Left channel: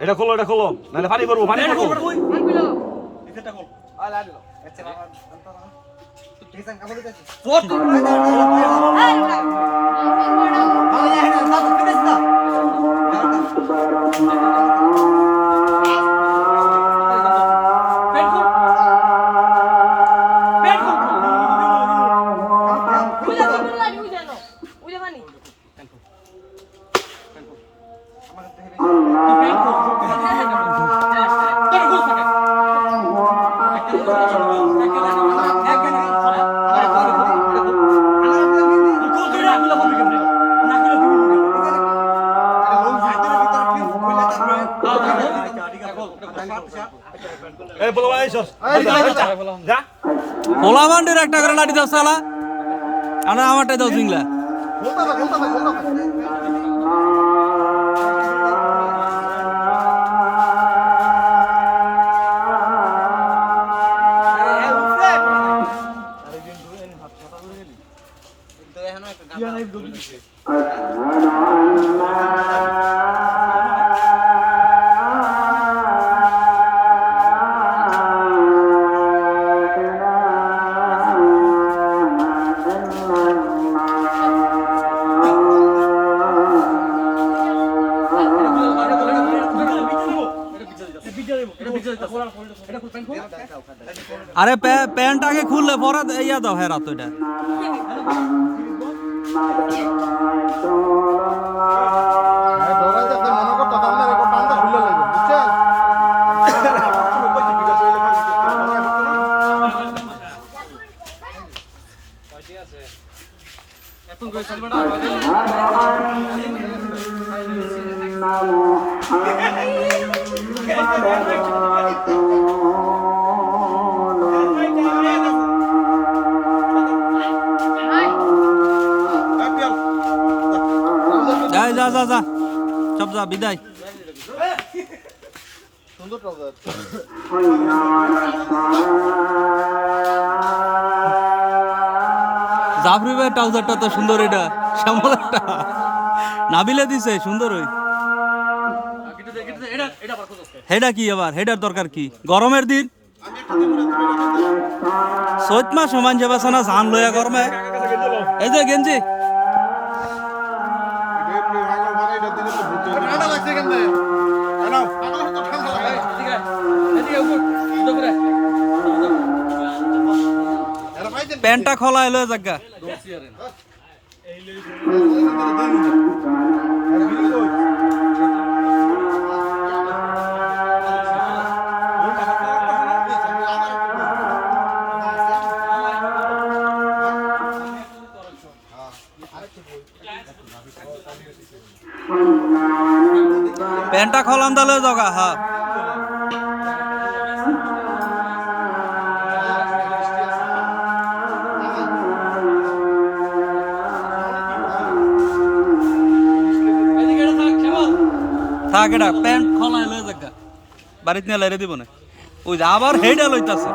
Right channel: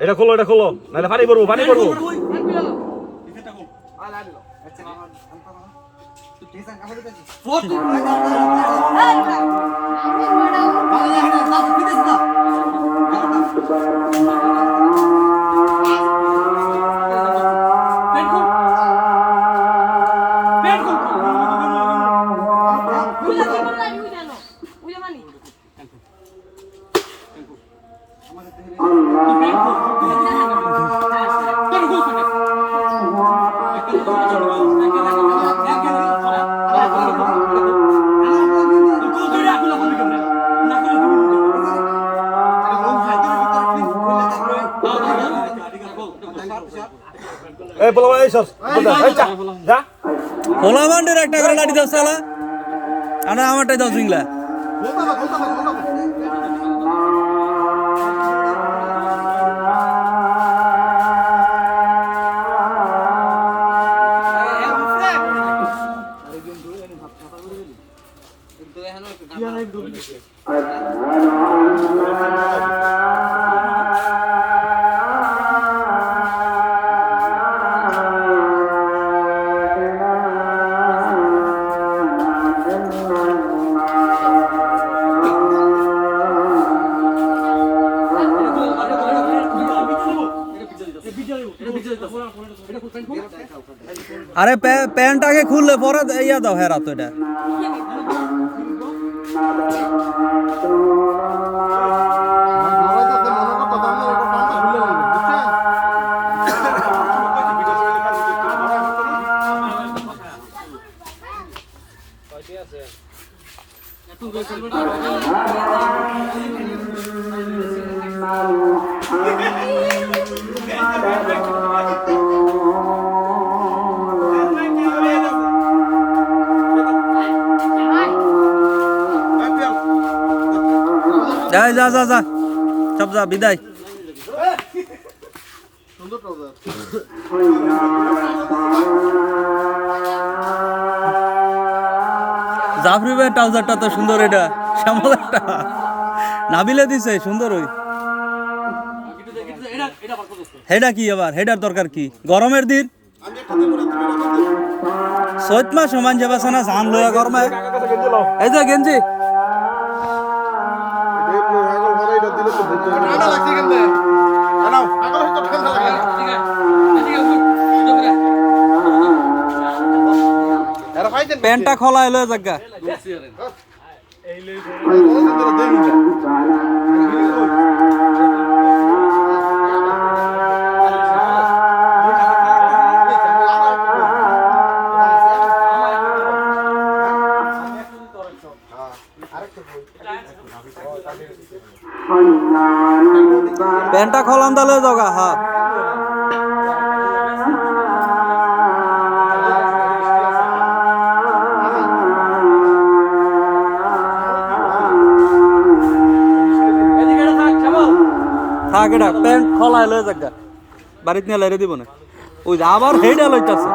এটা খোলো নাহলে পানি পড়বো পোলা মান্ডের একটা করে লাঠি দাও সালা আমরা আমারটাই দাও জিংলা আরে প্যান্ট আগে খুললে পরে ইয়া দাও হেরা তো এটা যা যা যা সব যা বিদায় জাফরি ভাই ট্রাউজারটা তো সুন্দর এটা শ্যামল একটা নাবিলে দিছে সুন্দর ওই হেডা কি আবার হেডার দরকার কি গরমের দিন চৈত মাস সমান যাবে না ধান লইয়া গরমে এই যে গেঞ্জি প্যান্টটা খোলা এলো জায়গা প্যান্টটা খোলান দালে জগা হ্যাঁ থাক এটা প্যান্ট খোলা লয়ে জায়গা বাড়িতে নিয়ে লাইরে দিব না ওই যে আবার হেডা লইতাছে